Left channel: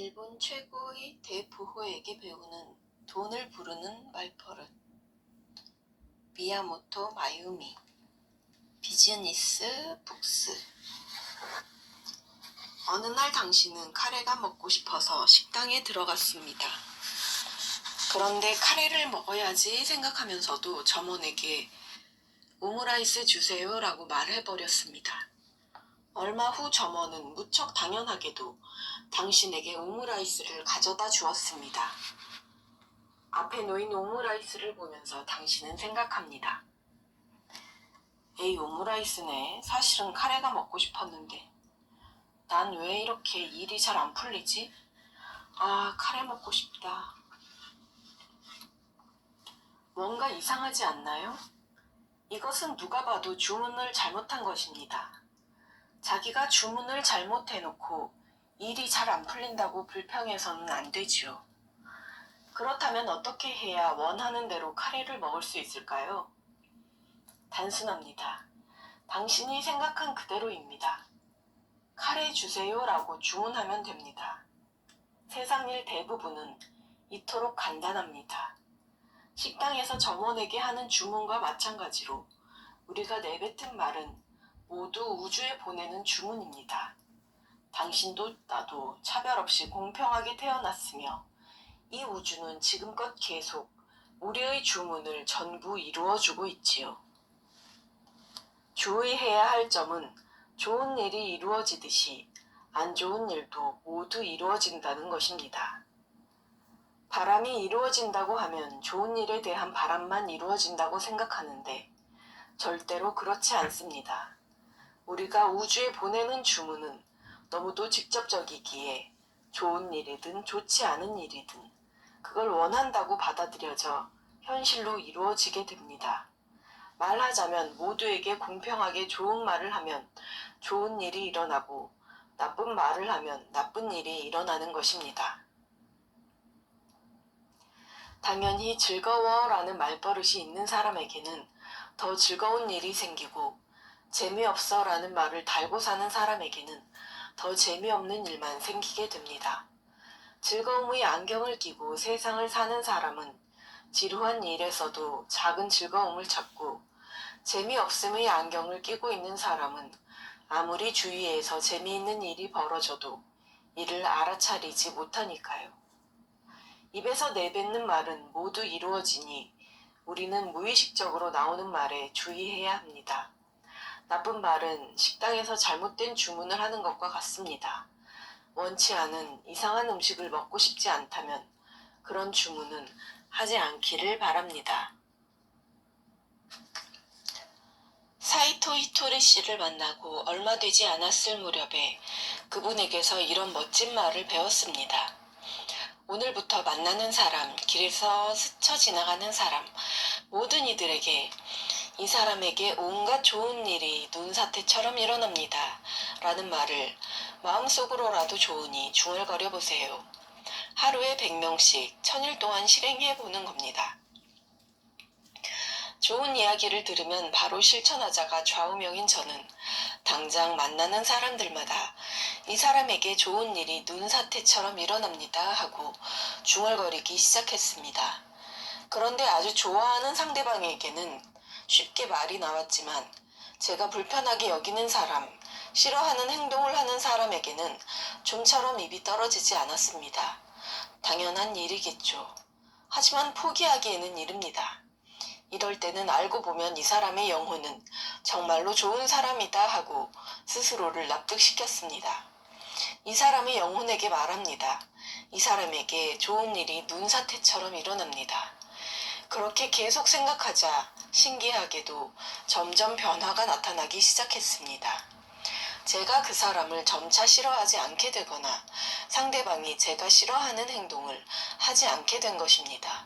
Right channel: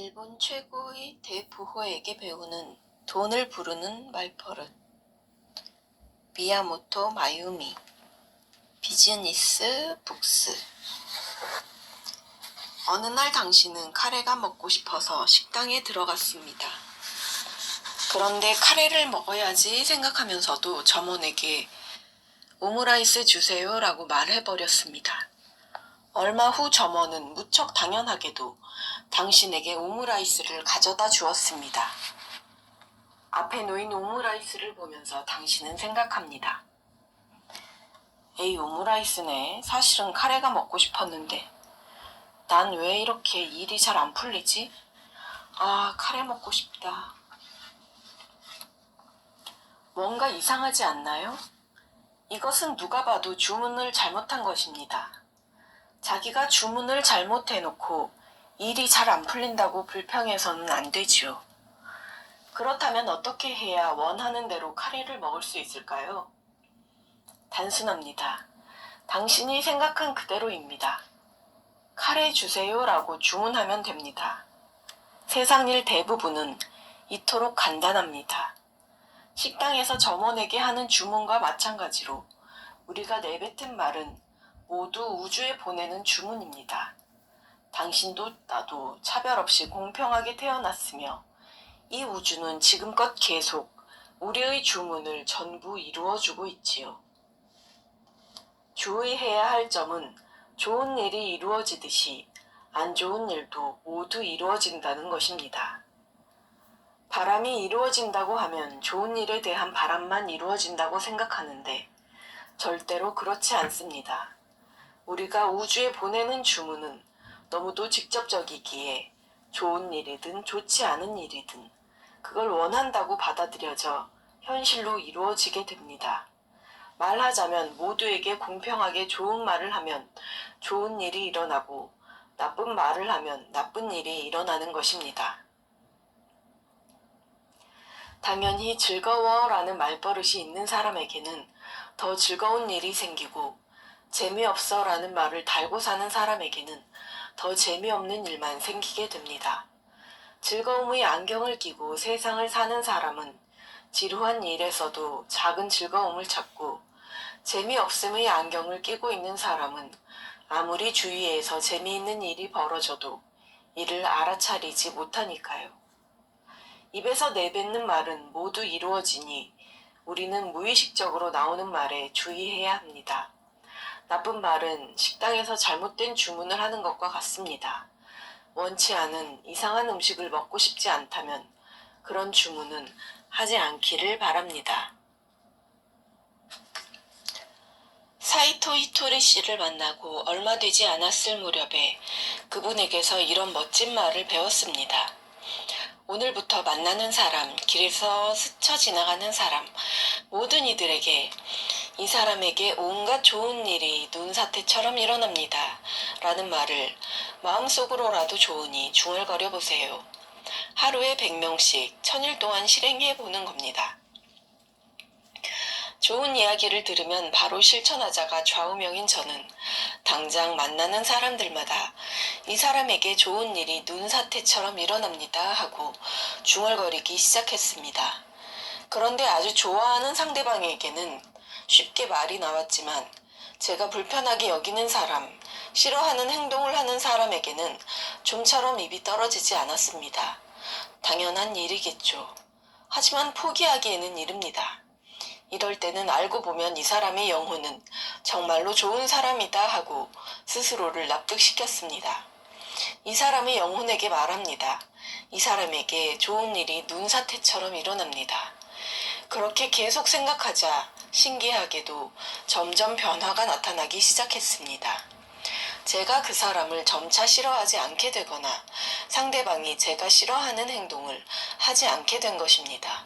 일본 최고의 대부호에게 배우는 돈을 부르는 말버릇. 미야모토 마유미. 비즈니스 북스. 어느 날 당신은 카레가 먹고 싶어서 식당에 들어갔습니다. 그런데 카레를 먹어야지 생각하면서도 점원에게 오므라이스 주세요 라고 말해버렸습니다. 얼마 후 점원은 무척 당연하게도 당신에게 오므라이스를 가져다 주었습니다. 앞에 놓인 오므라이스를 보면서 당신은 생각합니다. 에이, 오므라이스네. 사실은 카레가 먹고 싶었는데 난 왜 이렇게 일이 잘 안 풀리지? 아, 카레 먹고 싶다. 뭔가 이상하지 않나요? 이것은 누가 봐도 주문을 잘못한 것입니다. 자기가 주문을 잘못해놓고 일이 잘 안 풀린다고 불평해서는 안 되지요. 그렇다면 어떻게 해야 원하는 대로 카레를 먹을 수 있을까요? 단순합니다. 당신이 생각한 그대로입니다. 카레 주세요 라고 주문하면 됩니다. 세상 일 대부분은 이토록 간단합니다. 식당에서 점원에게 하는 주문과 마찬가지로 우리가 내뱉은 말은 모두 우주에 보내는 주문입니다. 당신도 나도 차별 없이 공평하게 태어났으며 이 우주는 지금껏 계속 우리의 주문을 전부 이루어주고 있지요. 주의해야 할 점은 좋은 일이 이루어지듯이 안 좋은 일도 모두 이루어진다는 것입니다. 바람이 이루어진다고 하면 좋은 일에 대한 바람만 이루어진다고 생각하는데 절대로 그렇지 않습니다. 우리가 우주에 보내는 주문은 너무도 직접적이기에 좋은 일이든 좋지 않은 일이든 그걸 원한다고 받아들여져 현실로 이루어지게 됩니다. 말하자면 모두에게 공평하게 좋은 말을 하면 좋은 일이 일어나고 나쁜 말을 하면 나쁜 일이 일어나는 것입니다. 당연히 즐거워라는 말버릇이 있는 사람에게는 더 즐거운 일이 생기고 재미없어라는 말을 달고 사는 사람에게는 더 재미없는 일만 생기게 됩니다. 즐거움의 안경을 끼고 세상을 사는 사람은 지루한 일에서도 작은 즐거움을 찾고 재미없음의 안경을 끼고 있는 사람은 아무리 주위에서 재미있는 일이 벌어져도 이를 알아차리지 못하니까요. 입에서 내뱉는 말은 모두 이루어지니 우리는 무의식적으로 나오는 말에 주의해야 합니다. 나쁜 말은 식당에서 잘못된 주문을 하는 것과 같습니다. 원치 않은 이상한 음식을 먹고 싶지 않다면 그런 주문은 하지 않기를 바랍니다. 사이토 히토리 씨를 만나고 얼마 되지 않았을 무렵에 그분에게서 이런 멋진 말을 배웠습니다. 오늘부터 만나는 사람, 길에서 스쳐 지나가는 사람, 모든 이들에게 이 사람에게 온갖 좋은 일이 눈사태처럼 일어납니다. 라는 말을 마음속으로라도 좋으니 중얼거려 보세요. 하루에 100명씩 1000일 동안 실행해 보는 겁니다. 좋은 이야기를 들으면 바로 실천하자가 좌우명인 저는 당장 만나는 사람들마다 이 사람에게 좋은 일이 눈사태처럼 일어납니다 하고 중얼거리기 시작했습니다. 그런데 아주 좋아하는 상대방에게는 쉽게 말이 나왔지만 제가 불편하게 여기는 사람, 싫어하는 행동을 하는 사람에게는 좀처럼 입이 떨어지지 않았습니다. 당연한 일이겠죠. 하지만 포기하기에는 이릅니다. 이럴 때는 알고 보면 이 사람의 영혼은 정말로 좋은 사람이다 하고 스스로를 납득시켰습니다. 이 사람의 영혼에게 말합니다. 이 사람에게 좋은 일이 눈사태처럼 일어납니다. 그렇게 계속 생각하자 신기하게도 점점 변화가 나타나기 시작했습니다. 제가 그 사람을 점차 싫어하지 않게 되거나 상대방이 제가 싫어하는 행동을 하지 않게 된 것입니다.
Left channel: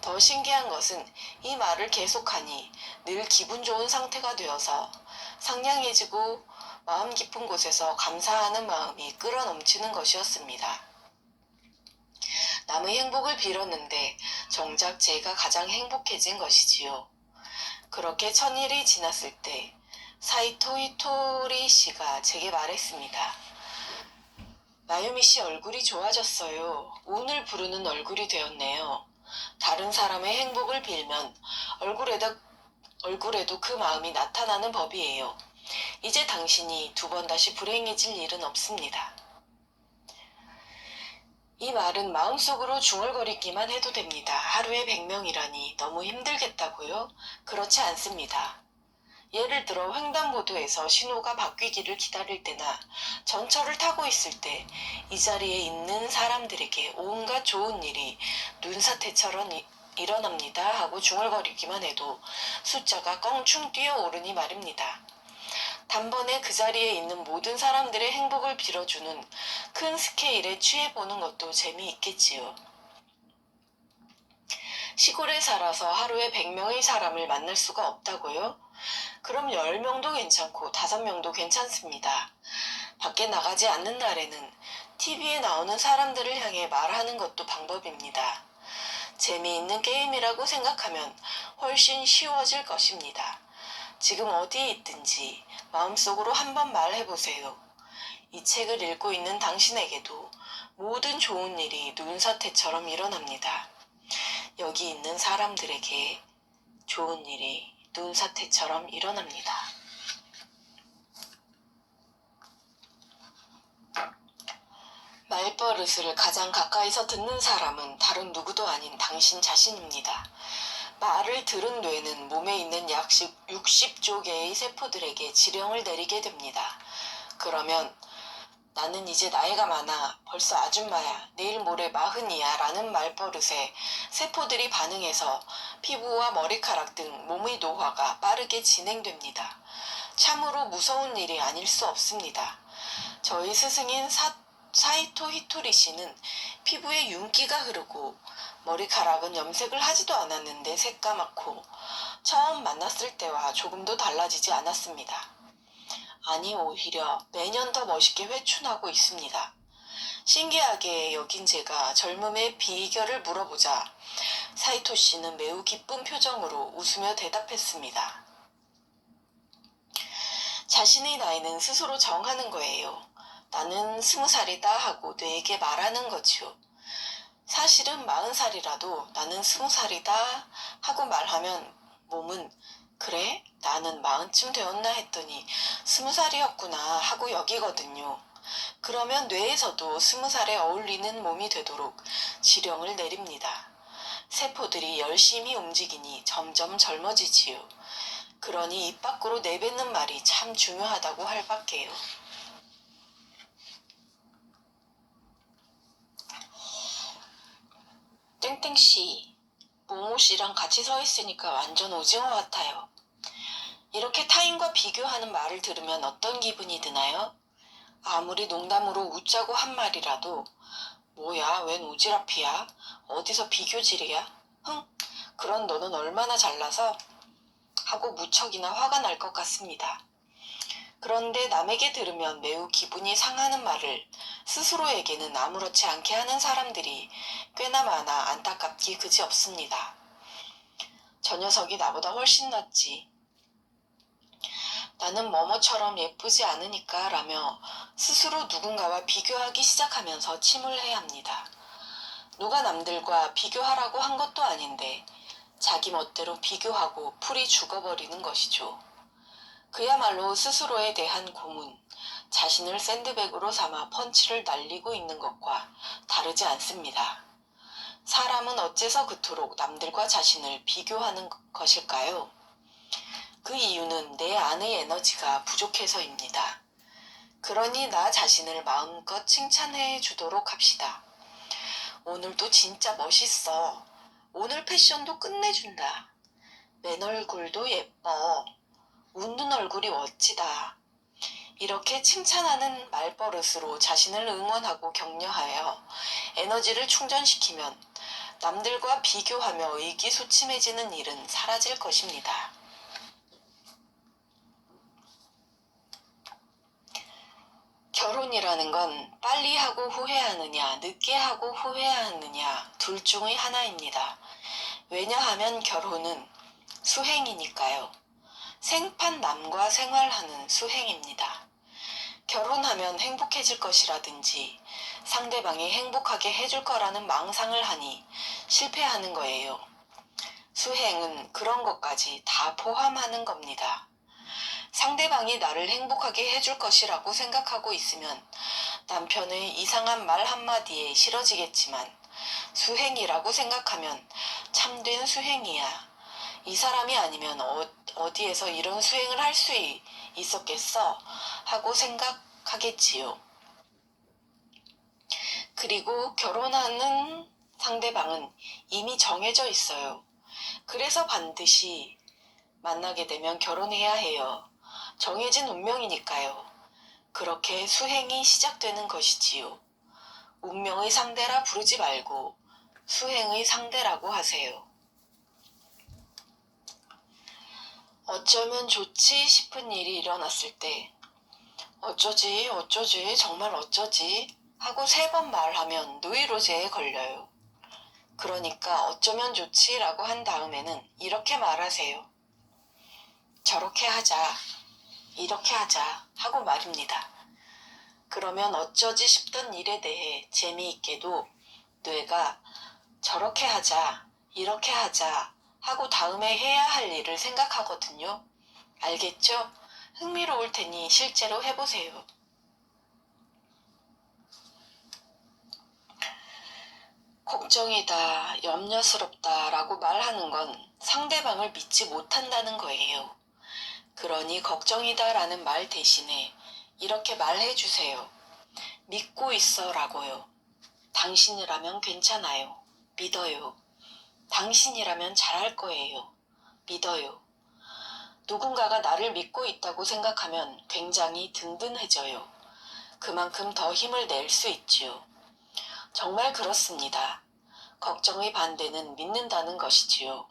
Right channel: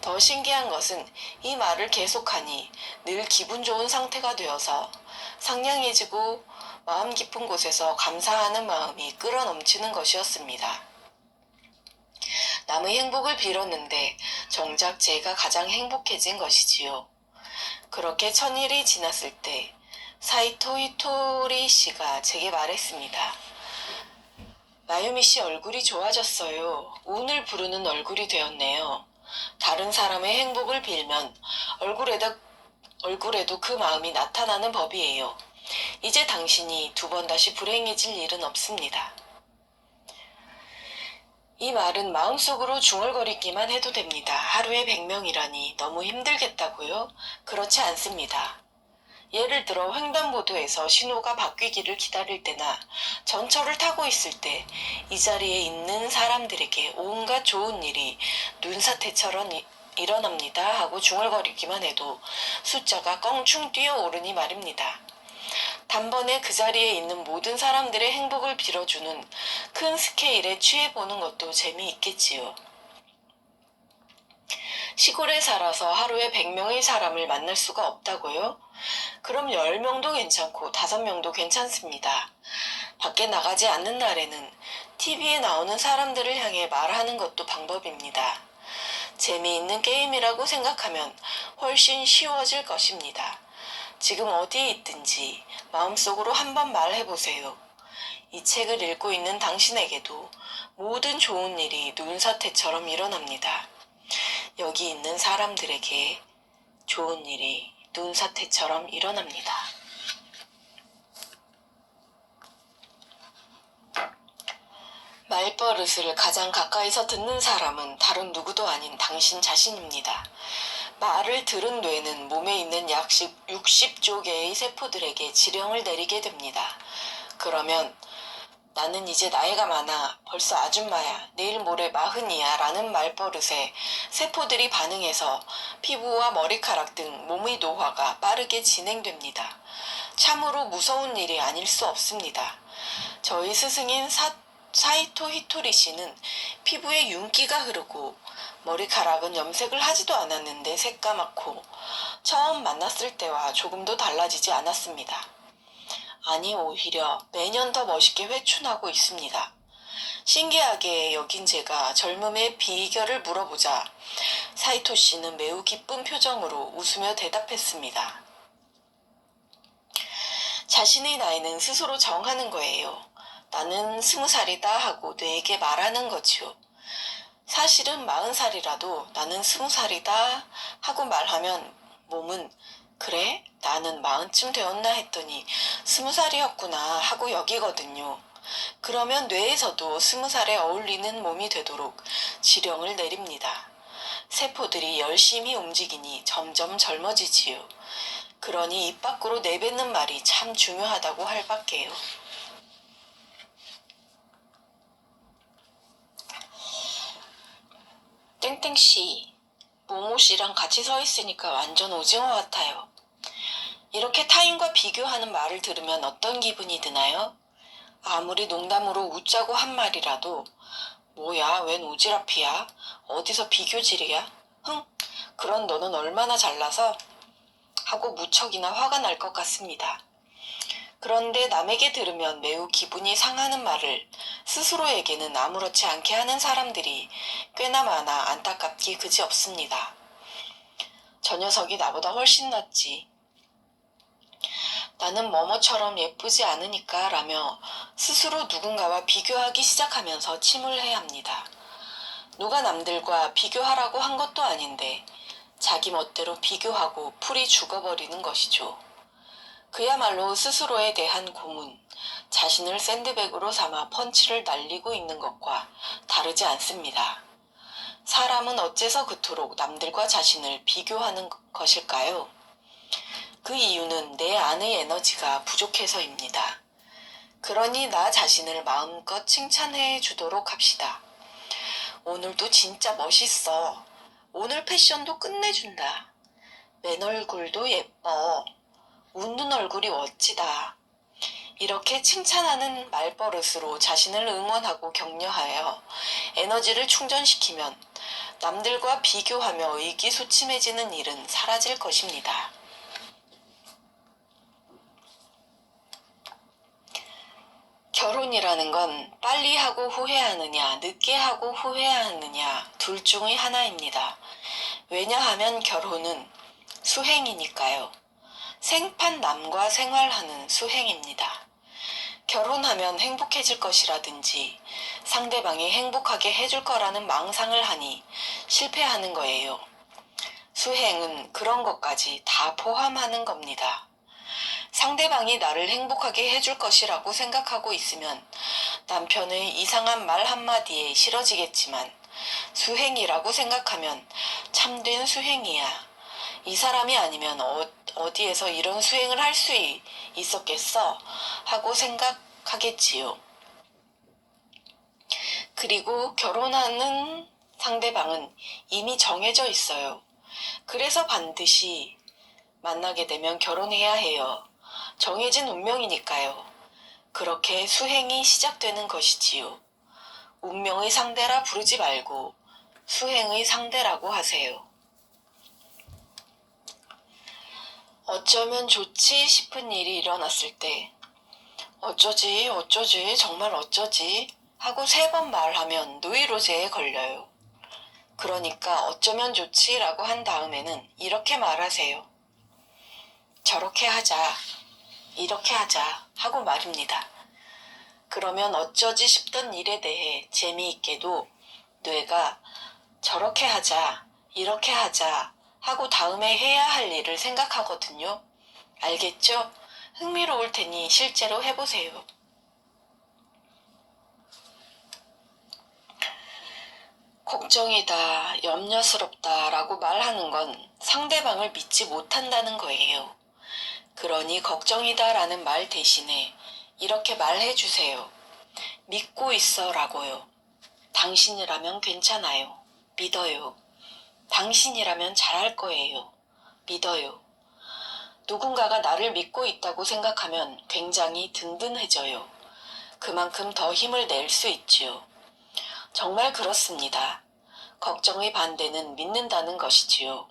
더 신기한 것은 이 말을 계속하니 늘 기분 좋은 상태가 되어서 상냥해지고 마음 깊은 곳에서 감사하는 마음이 끌어넘치는 것이었습니다. 남의 행복을 빌었는데 정작 제가 가장 행복해진 것이지요. 그렇게 1000일이 지났을 때 사이토 히토리 씨가 제게 말했습니다. 아유미 씨 얼굴이 좋아졌어요. 운을 부르는 얼굴이 되었네요. 다른 사람의 행복을 빌면 얼굴에도 그 마음이 나타나는 법이에요. 이제 당신이 두 번 다시 불행해질 일은 없습니다. 이 말은 마음속으로 중얼거리기만 해도 됩니다. 하루에 100명이라니 너무 힘들겠다고요? 그렇지 않습니다. 예를 들어 횡단보도에서 신호가 바뀌기를 기다릴 때나 전철을 타고 있을 때 이 자리에 있는 사람들에게 온갖 좋은 일이 눈사태처럼 일어납니다 하고 중얼거리기만 해도 숫자가 껑충 뛰어오르니 말입니다. 단번에 그 자리에 있는 모든 사람들의 행복을 빌어주는 큰 스케일에 취해보는 것도 재미있겠지요. 시골에 살아서 하루에 100명의 사람을 만날 수가 없다고요? 그럼 10명도 괜찮고 5명도 괜찮습니다. 밖에 나가지 않는 날에는 TV에 나오는 사람들을 향해 말하는 것도 방법입니다. 재미있는 게임이라고 생각하면 훨씬 쉬워질 것입니다. 지금 어디에 있든지 마음속으로 한번 말해보세요. 이 책을 읽고 있는 당신에게도 모든 좋은 일이 눈사태처럼 일어납니다. 여기 있는 사람들에게 좋은 일이 눈사태처럼 일어납니다. 말버릇을 가장 가까이서 듣는 사람은 다른 누구도 아닌 당신 자신입니다. 말을 들은 뇌는 몸에 있는 약 60조 개의 세포들에게 지령을 내리게 됩니다. 그러면 나는 이제 나이가 많아, 벌써 아줌마야, 내일 모레 40이야 라는 말버릇에 세포들이 반응해서 피부와 머리카락 등 몸의 노화가 빠르게 진행됩니다. 참으로 무서운 일이 아닐 수 없습니다. 저희 스승인 사이토 히토리 씨는 피부에 윤기가 흐르고 머리카락은 염색을 하지도 않았는데 새까맣고 처음 만났을 때와 조금도 달라지지 않았습니다. 아니 오히려 매년 더 멋있게 회춘하고 있습니다. 신기하게 여긴 제가 젊음의 비결을 물어보자 사이토 씨는 매우 기쁜 표정으로 웃으며 대답했습니다. 자신의 나이는 스스로 정하는 거예요. 나는 20살이다 하고 뇌에게 말하는 거지요. 사실은 40살이라도 나는 20살이다 하고 말하면 몸은 그래? 나는 40쯤 되었나 했더니 20살이었구나 하고 여기거든요. 그러면 뇌에서도 20살에 어울리는 몸이 되도록 지령을 내립니다. 세포들이 열심히 움직이니 점점 젊어지지요. 그러니 입 밖으로 내뱉는 말이 참 중요하다고 할 밖에요. 땡땡씨, 모모씨랑 같이 서 있으니까 완전 오징어 같아요. 이렇게 타인과 비교하는 말을 들으면 어떤 기분이 드나요? 아무리 농담으로 웃자고 한 말이라도 뭐야, 웬 오지랖이야? 어디서 비교질이야? 흥, 그런 너는 얼마나 잘나서? 하고 무척이나 화가 날 것 같습니다. 그런데 남에게 들으면 매우 기분이 상하는 말을 스스로에게는 아무렇지 않게 하는 사람들이 꽤나 많아 안타깝기 그지없습니다. 저 녀석이 나보다 훨씬 낫지. 나는 뭐뭐처럼 예쁘지 않으니까 라며 스스로 누군가와 비교하기 시작하면서 침울해야 합니다. 누가 남들과 비교하라고 한 것도 아닌데 자기 멋대로 비교하고 풀이 죽어버리는 것이죠. 그야말로 스스로에 대한 고문, 자신을 샌드백으로 삼아 펀치를 날리고 있는 것과 다르지 않습니다. 사람은 어째서 그토록 남들과 자신을 비교하는 것일까요? 그 이유는 내 안의 에너지가 부족해서입니다. 그러니 나 자신을 마음껏 칭찬해 주도록 합시다. 오늘도 진짜 멋있어. 오늘 패션도 끝내준다. 맨 얼굴도 예뻐. 웃는 얼굴이 멋지다. 이렇게 칭찬하는 말버릇으로 자신을 응원하고 격려하여 에너지를 충전시키면 남들과 비교하며 의기소침해지는 일은 사라질 것입니다. 결혼이라는 건 빨리 하고 후회하느냐, 늦게 하고 후회하느냐 둘 중의 하나입니다. 왜냐하면 결혼은 수행이니까요. 생판 남과 생활하는 수행입니다. 결혼하면 행복해질 것이라든지 상대방이 행복하게 해줄 거라는 망상을 하니 실패하는 거예요. 수행은 그런 것까지 다 포함하는 겁니다. 상대방이 나를 행복하게 해줄 것이라고 생각하고 있으면 남편의 이상한 말 한마디에 싫어지겠지만 수행이라고 생각하면 참된 수행이야. 이 사람이 아니면 어디에서 이런 수행을 할 수 있었겠어? 하고 생각하겠지요. 그리고 결혼하는 상대방은 이미 정해져 있어요. 그래서 반드시 만나게 되면 결혼해야 해요. 정해진 운명이니까요. 그렇게 수행이 시작되는 것이지요. 운명의 상대라 부르지 말고 수행의 상대라고 하세요. 어쩌면 좋지 싶은 일이 일어났을 때 어쩌지 정말 어쩌지 하고 3번 말하면 노이로제에 걸려요. 그러니까 어쩌면 좋지라고 한 다음에는 이렇게 말하세요. 저렇게 하자, 이렇게 하자 하고 말입니다. 그러면 어쩌지 싶던 일에 대해 재미있게도 뇌가 저렇게 하자, 이렇게 하자 하고 다음에 해야 할 일을 생각하거든요. 알겠죠? 흥미로울 테니 실제로 해보세요. 걱정이다, 염려스럽다 라고 말하는 건 상대방을 믿지 못한다는 거예요. 그러니 걱정이다 라는 말 대신에 이렇게 말해주세요. 믿고 있어 라고요. 당신이라면 괜찮아요. 믿어요. 당신이라면 잘할 거예요. 믿어요. 누군가가 나를 믿고 있다고 생각하면 굉장히 든든해져요. 그만큼 더 힘을 낼 수 있지요. 정말 그렇습니다. 걱정의 반대는 믿는다는 것이지요.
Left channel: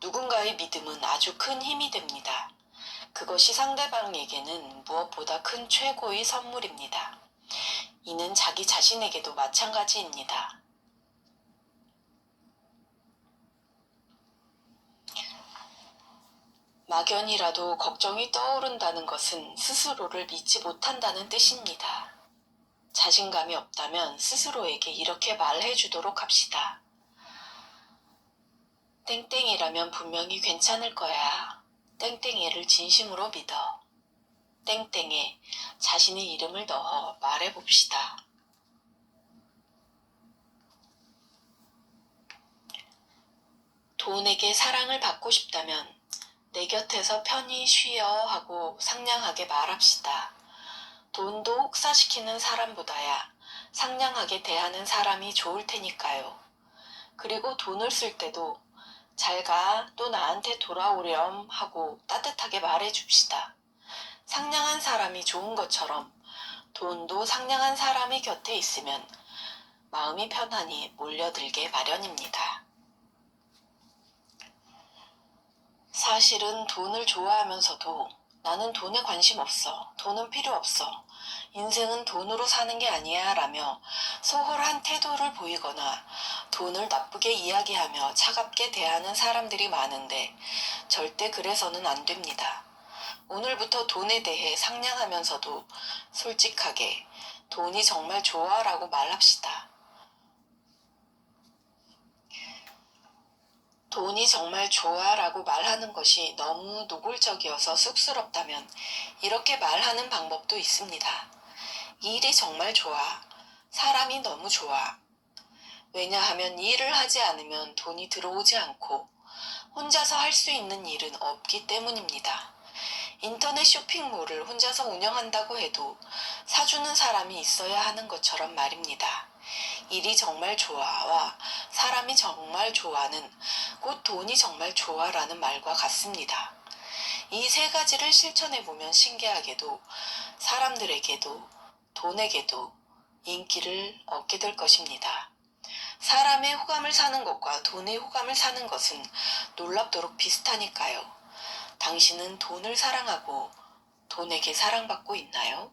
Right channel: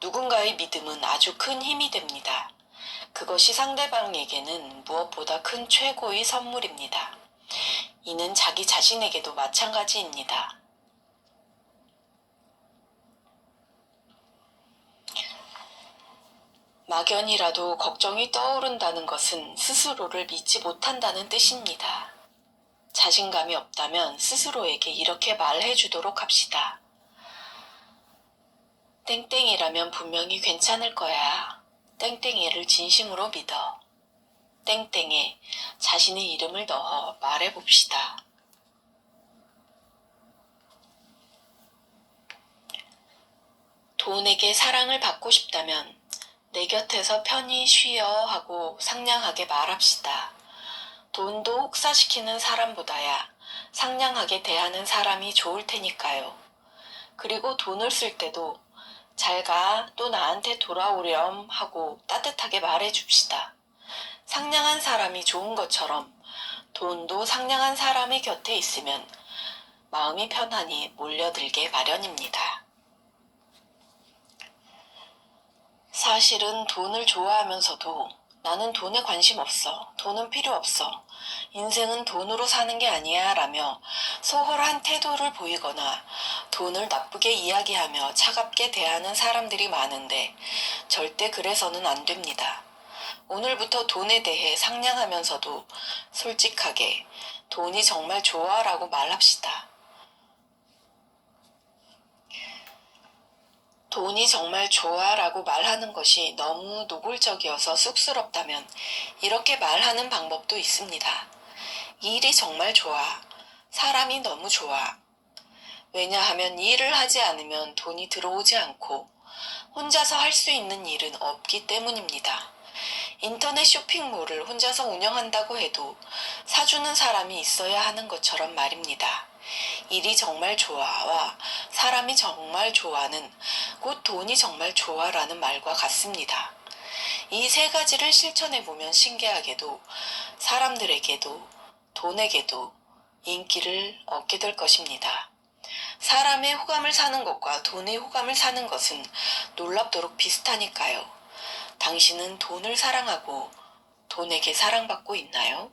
누군가의 믿음은 아주 큰 힘이 됩니다. 그것이 상대방에게는 무엇보다 큰 최고의 선물입니다. 이는 자기 자신에게도 마찬가지입니다. 막연히라도 걱정이 떠오른다는 것은 스스로를 믿지 못한다는 뜻입니다. 자신감이 없다면 스스로에게 이렇게 말해주도록 합시다. 땡땡이라면 분명히 괜찮을 거야. 땡땡이를 진심으로 믿어. 땡땡에 자신의 이름을 넣어 말해봅시다. 돈에게 사랑을 받고 싶다면 내 곁에서 편히 쉬어 하고 상냥하게 말합시다. 돈도 혹사시키는 사람보다야 상냥하게 대하는 사람이 좋을 테니까요. 그리고 돈을 쓸 때도 잘 가, 또 나한테 돌아오렴 하고 따뜻하게 말해줍시다. 상냥한 사람이 좋은 것처럼 돈도 상냥한 사람이 곁에 있으면 마음이 편안히 몰려들게 마련입니다. 사실은 돈을 좋아하면서도 나는 돈에 관심 없어. 돈은 필요 없어. 인생은 돈으로 사는 게 아니야 라며 소홀한 태도를 보이거나 돈을 나쁘게 이야기하며 차갑게 대하는 사람들이 많은데 절대 그래서는 안 됩니다. 오늘부터 돈에 대해 상냥하면서도 솔직하게 돈이 정말 좋아 라고 말합시다. 돈이 정말 좋아 라고 말하는 것이 너무 노골적이어서 쑥스럽다면 이렇게 말하는 방법도 있습니다. 일이 정말 좋아. 사람이 너무 좋아. 왜냐하면 일을 하지 않으면 돈이 들어오지 않고 혼자서 할 수 있는 일은 없기 때문입니다. 인터넷 쇼핑몰을 혼자서 운영한다고 해도 사주는 사람이 있어야 하는 것처럼 말입니다. 일이 정말 좋아와 사람이 정말 좋아는 곧 돈이 정말 좋아라는 말과 같습니다. 이 3가지를 실천해보면 신기하게도 사람들에게도 돈에게도 인기를 얻게 될 것입니다. 사람의 호감을 사는 것과 돈의 호감을 사는 것은 놀랍도록 비슷하니까요. 당신은 돈을 사랑하고 돈에게 사랑받고 있나요?